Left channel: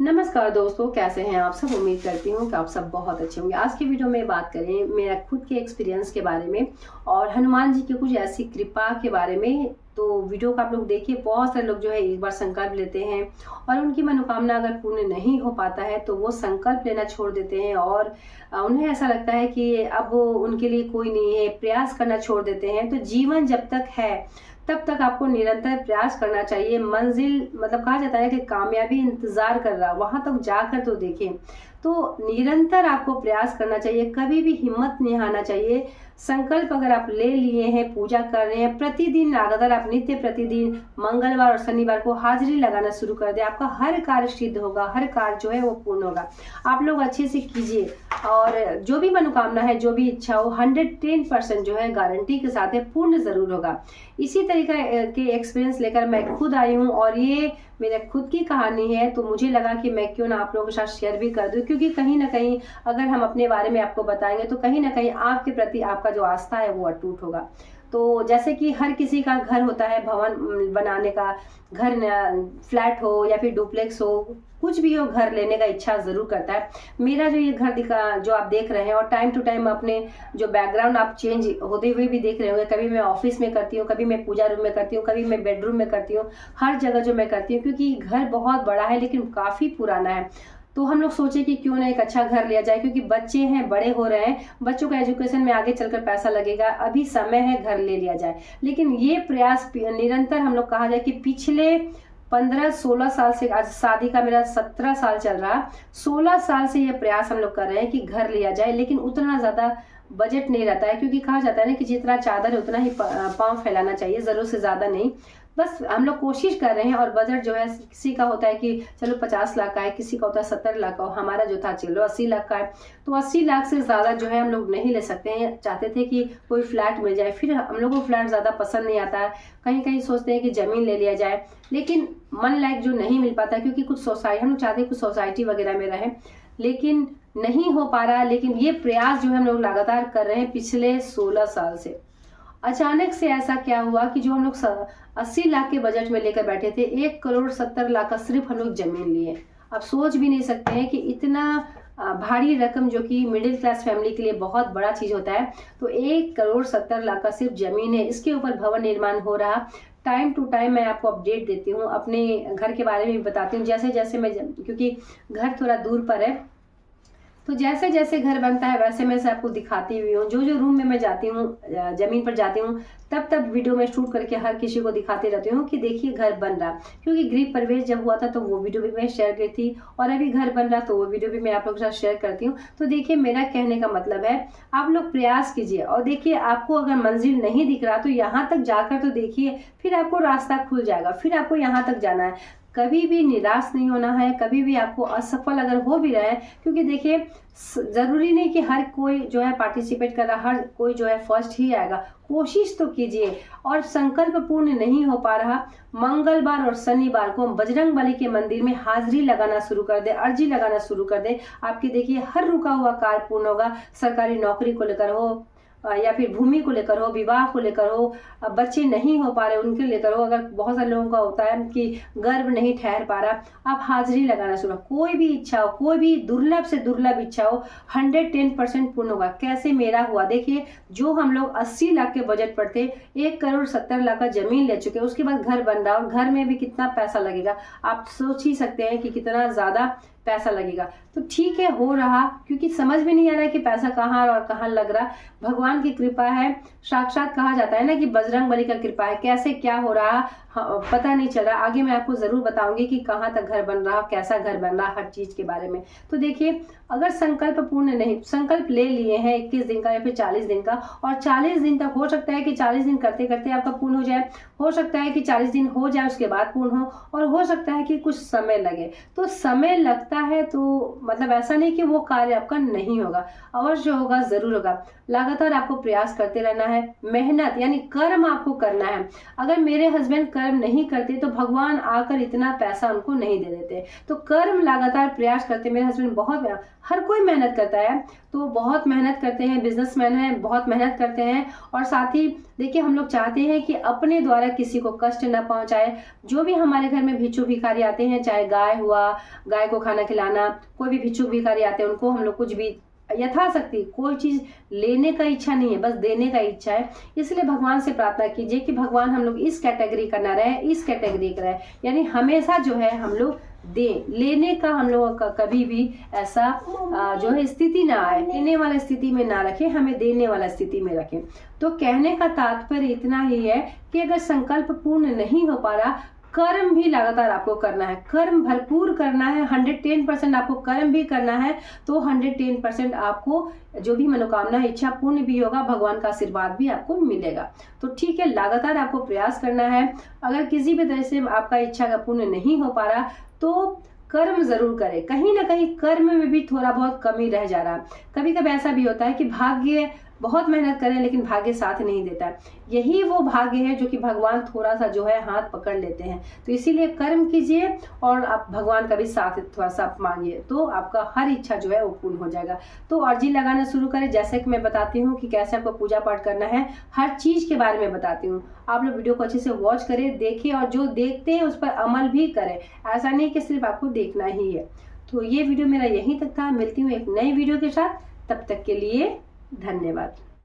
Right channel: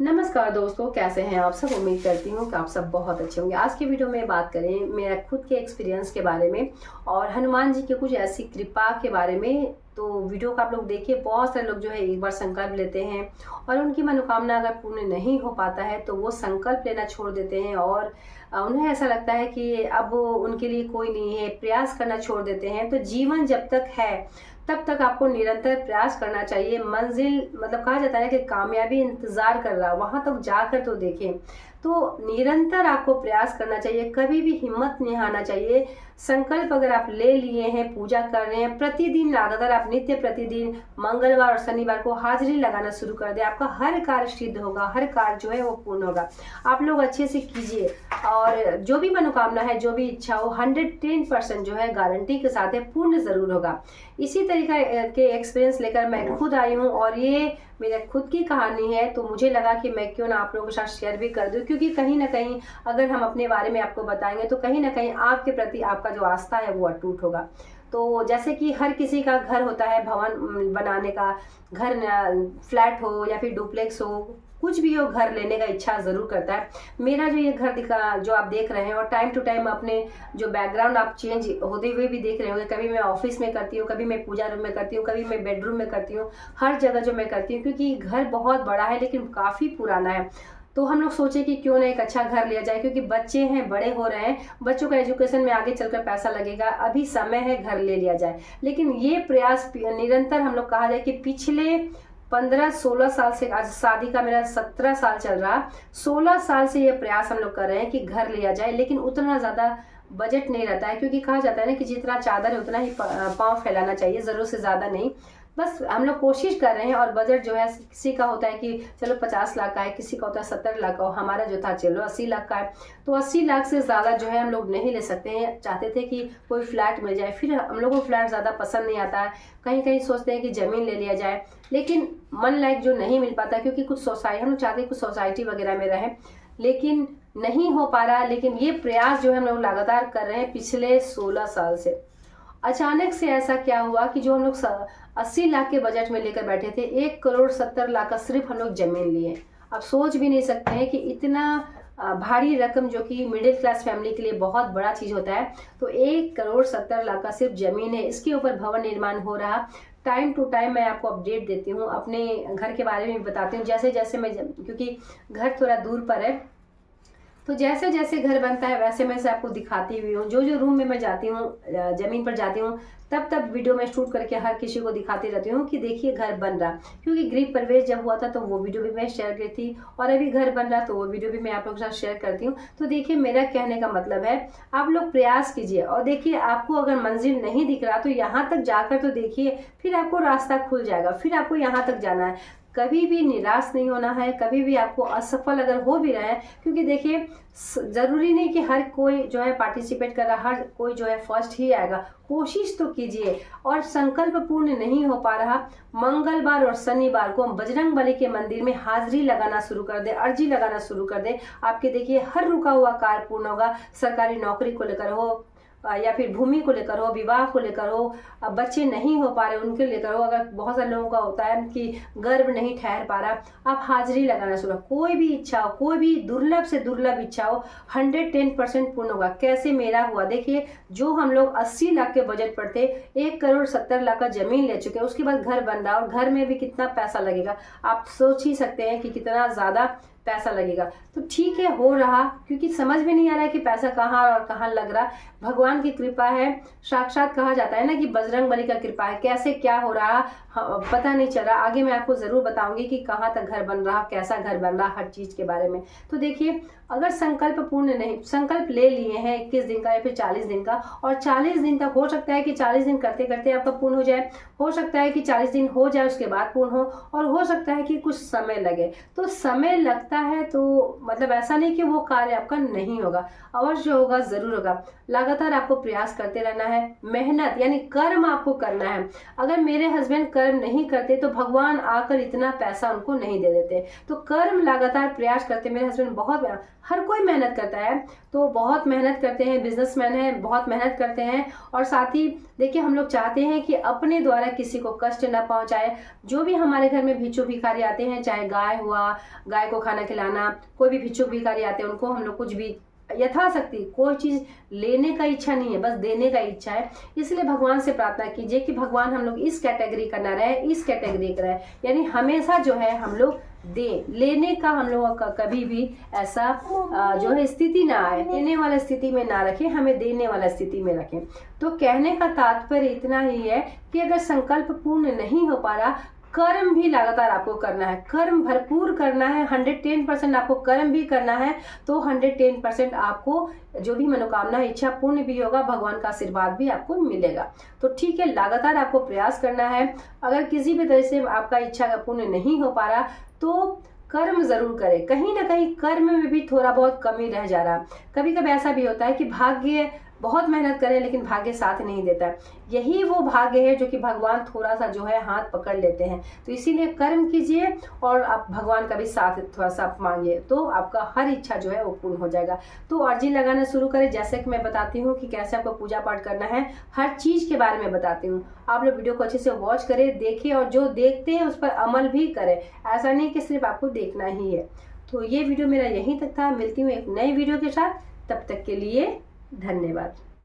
नमस्कार दोस्तों, कैसे हैं आप सब। उम्मीद करती हूँ कि आप सब बहुत अच्छे होंगे। आज की वीडियो में बात करें मेरा खुद के एक्सपीरियंस के बारे में और हनुमान जी की कुछ ऐसी कृपा के बारे में। तो वीडियो को आप लोग देखिए। बहुत सारे लोग जो है एक बार संकल्प लेते हैं और उनकी मनोकामना अगर पूर्ण नहीं हो पाता है तो वो संकल्प लेना छोड़ देते हैं और उन्हें ऐसा लगता है कि अब उनके लिए कोई नहीं है, प्रयास करना छोड़ देते हैं। तो जीवन जब तक है तब तक आपको निरंतर प्रयास करना चाहिए। मंजिल मतलब कहा जाता है कि कामयाबी इंतजार कर रहा, वहां तक जाकर तो देखें। तो निरंतर आपको प्रयास करना चाहिए, कभी भी हिम्मत नहीं हारना चाहिए। संकल्प अगर आप ले लिए हैं, पूजा कर रहे हैं, प्रतिदिन लगातार आप नित्य प्रतिदिन मंगलवार और शनिवार को हाजिरी लगाना शुरू कर दे, आपका हर कार्य सिद्ध होगा, हर कार्य जो है वो पूर्ण होगा। आप लोग अच्छे से कीजिए और जो भी मनोकामना है, जो भी इच्छा हो, 110% जो है गारंटी के साथ है पूर्ण जरूर होगा। इसी तरीके के एक्सपीरियंस लेकर मैं खुद आई हूँ और ये मेरे खुद की कहानी है। तो मुझे लगा कि मैं क्यों ना आप लोगों के साथ शेयर भी कर दूं, क्योंकि कहीं ना कहीं अगर हम अपने बारे में आपको बताएंगे तो कहीं ना कहीं आपके प्रति आपका जो आस्था है वो अटूट होगा। तो जैसे कि हर किसी का घर होता है, भवन बनाने का, घर फ्लैट हो या फिर डुप्लेक्स हो, कुछ भी हो, घर लेने का इच्छा जरूर करता है। मेरा जो ये घर दिखा जो आप देख रहे हैं और टाइम टू टाइम अपने जो बैकग्राउंड आप चेंज होते हुए भी देख रहे होंगे, कभी मैं ऑफिस में करती हूँ, कभी मैं पूजा रूम में करती हूँ, कभी मैं बेडरूम में करती हूँ, हर जगह जो मैं करती हूँ, क्योंकि घर बहुत बड़ा है लेकिन काफी पुराना है। तो हम लोग सोचे कि क्यों ना एक अच्छा घर लिया जाए, क्योंकि बच्चे हैं, बड़े हो रहे हैं, बच्चों का एजुकेशन में आगे चलकर पैसा लगेगा, अभी समय है घर ले लिया जाए। लेकिन ये प्रयास निरंतर हम लोग कहा जाए कि पिछले 15-16 साल से, आज शादी का मेरा 17 साल चल रहा, 16 साल से ये प्रयास हम लोग कर रहे हैं कि घर लिया जाए। लेकिन उतना ज्यादा बजट नहीं रहता है, क्योंकि कहा जाता है ना कि जितना चादर है उतना ही पांव फैलाना चाहिए, जरूरत से ज्यादा नहीं। बस हम लोग कोशिश कर रहे हैं और बजट जो है किसी का होता है कि चलो 50 लाख का है, किसी का होता है 70 लाख का, हमारा जो था चलो 80 लाख का है। तो 80 लाख से ज्यादा जो है हम लोग नहीं ले सकते हैं। चाहते थे कि कोई फ्लैट मिल जाए, फिर हम लोग को फ्लैट ज्यादा पसंद नहीं आता है, कहीं कहीं सोचते हैं कि जमीन ले लिया जाए, लेकिन मन लायक जो नहीं मिल पाता, क्योंकि कुछ सोसाइटी हम लोग चाहते हैं कुछ सोसाइटी वगैरह में रहे, लेकिन नहीं हो पा रहा। लेकिन ये प्रयास जो है हम लोग लगातार कर रहे हैं पिछले 16 साल से। अचानक से ऐसा क्या हुआ कि जो हम लोग 80 लाख के बजट में लेकर बैठे थे, 1,70,00,000 का सिर्फ हम लोग जमीन लिए। अब सोच भी नहीं सकते हैं कि इतना भारी रकम, जो कि मिडिल क्लास फैमिली के लिए बहुत बड़ा चीज होता है, तो 1,70,00,000 का सिर्फ जमीन है, इसके ऊपर भवन निर्माण हो रहा। टाइम टू टाइम मैं आपको अपडेट देती हूँ, अपने घर के बारे में भी बताती हूँ, जैसे जैसे मैं, क्योंकि घर थोड़ा दूर पर है, तो जैसे जैसे घर बनता है वैसे मैं से आपको दिखाती हुई हूँ। जो जो रूम में मैं जाती हूँ, जमीन पर जाती हूँ, तब तब वीडियो में शूट करके हर किसी को दिखाती रहती हूँ कि देखिए घर बन रहा। क्योंकि गृह प्रवेश जब हुआ था तो वो वीडियो भी मैं शेयर की थी, और अभी घर बन रहा तो वो वीडियो भी मैं आप लोगों के साथ शेयर करती हूँ। तो देखिए, मेरा कहने का मतलब है आप लोग प्रयास कीजिए और देखिए, आपको अगर मंजिल नहीं दिख रहा तो यहाँ तक जाकर तो देखिए, फिर आपको रास्ता खुल जाएगा, फिर आपको यहाँ तक जाना है। कभी भी निराश नहीं होना है, कभी भी आपको असफल अगर हो भी रहे हैं, क्योंकि देखिए जरूरी नहीं कि हर कोई जो है पार्टिसिपेट कर रहा, हर कोई जो है फर्स्ट ही आएगा। कोशिश तो कीजिए। और संकल्प पूर्ण नहीं हो पा रहा, मंगलवार और शनिवार को बजरंगबली के मंदिर में हाजिरी लगाना शुरू कर दे, अर्जी लगाना शुरू कर दे। आपके देखिए हर रुका हुआ कार्य पूर्ण होगा। सरकारी नौकरी को लेकर हो या फिर भूमि को लेकर हो, विवाह को लेकर हो, बच्चे नहीं हो पा रहे उनके लेकर हो, अगर बहुत सारे लोगों का होता है कि गर्भ नहीं ठहर पा रहा, आप हाजिरी लगाना शुरू। कोई भी इच्छा हो, कोई भी दुर्लभ से दुर्लभ इच्छा हो, 110% पूर्ण होगा। कैसे मेरा हुआ देखिए, जो हम लोग 80 लाख के बजट पर थे, 1,70,00,000 का जमीन ले चुके, उसके बाद घर बन रहा और घर में भी कितना पैसा लगेगा, आप सोच ही सकते हैं कि कितना ज्यादा पैसा लगेगा। तो ठीक है, हो रहा, क्योंकि समझ में नहीं आ रहा है कि पैसा कहाँ और कहाँ लग रहा। भगवान की कृपा है, साक्षात कहा जाता है ना कि बजरंगबली का कृपा है। कैसे क्या हो रहा पता नहीं चल रहा। आगे मैं आपको जरूर बताऊंगी कि कहाँ तक घर बन रहा, कैसा घर बन रहा, हर चीज के बारे में। तो देखिए, अगर संकल्प पूर्ण नहीं, संकल्प ले लिए हैं 21 दिन का या फिर 40 दिन का, और 40 दिन तक हो सकता है कि 40 दिन करते करते आपका पूर्ण हो जाए, हो सकता है कि 40 दिन हो जाए उसके बाद पूर्ण हो, और हो सकता है कि कुछ समय लगे। तो समय लगता है तो मतलब ऐसा नहीं कि वो कार्य आपका नहीं होगा, अवश्य होगा, जरूर होगा। लगातार आपको प्रयास करते रहना है, मेहनत यानी कर्म आपको करना है। अगर मेरे हस्बैंड कर्म नहीं करते तो भगवान आकर इतना पैसा उनको नहीं दे देते। तो कर्म लगातार प्रयास करते, मेरे हस्बैंड बहुत, हर कोई मेहनत करता है, तो बहुत मेहनत करते हैं, बिजनेसमैन हैं, बहुत मेहनत करते हैं। और साथ ही देखिए, हम लोग चाहते हैं कि अपने द्वारा किसी को कष्ट न पहुंचाए। जो भी हमारे घर में भिक्षुक भिखारी आते हैं, चाहे गाय हुआ, गाय को खाना खिलाना, कोई भी भिक्षुक भिखारी आते हैं, उनको हम लोग कुछ भी यथाशक्ति, कोई चीज लेने का इच्छा नहीं है, बस देने का इच्छा है। इसलिए भगवान से प्रार्थना कीजिए कि भगवान हम लोग इस कैटेगरी का ना रहे, इस कैटेगरी का रहे, यानी हमेशा जो है हम लोग दे, लेने का हम लोगों का कभी भी ऐसा जो है स्थिति ना आए, देने वाला स्थिति में ना रखें, हमें देने वाला स्थिति में रखें। तो कहने का तात्पर्य इतना ही है कि अगर संकल्प पूर्ण नहीं हो पा रहा, कर्म भी लगातार आपको करना है, कर्म भरपूर करना है, 110% आपको कर्म भी करना है, तो 110% आपको जो भी मनोकामना है, इच्छा पूर्ण भी होगा, भगवान का आशीर्वाद भी आपको मिलेगा। तो ठीक है, लगातार आपको प्रयास करना है। अगर किसी भी तरह से आपका इच्छा का पूर्ण नहीं हो पा रहा तो कर्म जरूर करें। कहीं ना कहीं कर्म में भी थोड़ा बहुत कमी रह जा रहा। कभी कभी ऐसा भी होता है कि भाग्य, बहुत मेहनत करें लेकिन भाग्य साथ नहीं देता। यही वो भाग्य है जो कि भगवान थोड़ा सा जो है हाथ पकड़ लेते हैं। तो इसीलिए कर्म कीजिए और आप भगवान का भी साथ थोड़ा सा मांगिए, तो आपका हर इच्छा जो है वो पूर्ण हो जाएगा। तो अर्जी लगाना शुरू करें। जैसे कि मैं बताती हूँ कि कैसे आपको पूजा पाठ करना है, हर चीज के बारे में बताती हूँ। आप लोग वीडियो को अच्छे से वॉच करें, देखें, और जो देखते हैं उस पर अमल भी करें। ऐसा नहीं कि सिर्फ आपको देखना ही है। तो ये वीडियो मेरा यहीं तक था। मिलती हूँ एक नई वीडियो के साथ, तब तक के लिए धन्यवाद।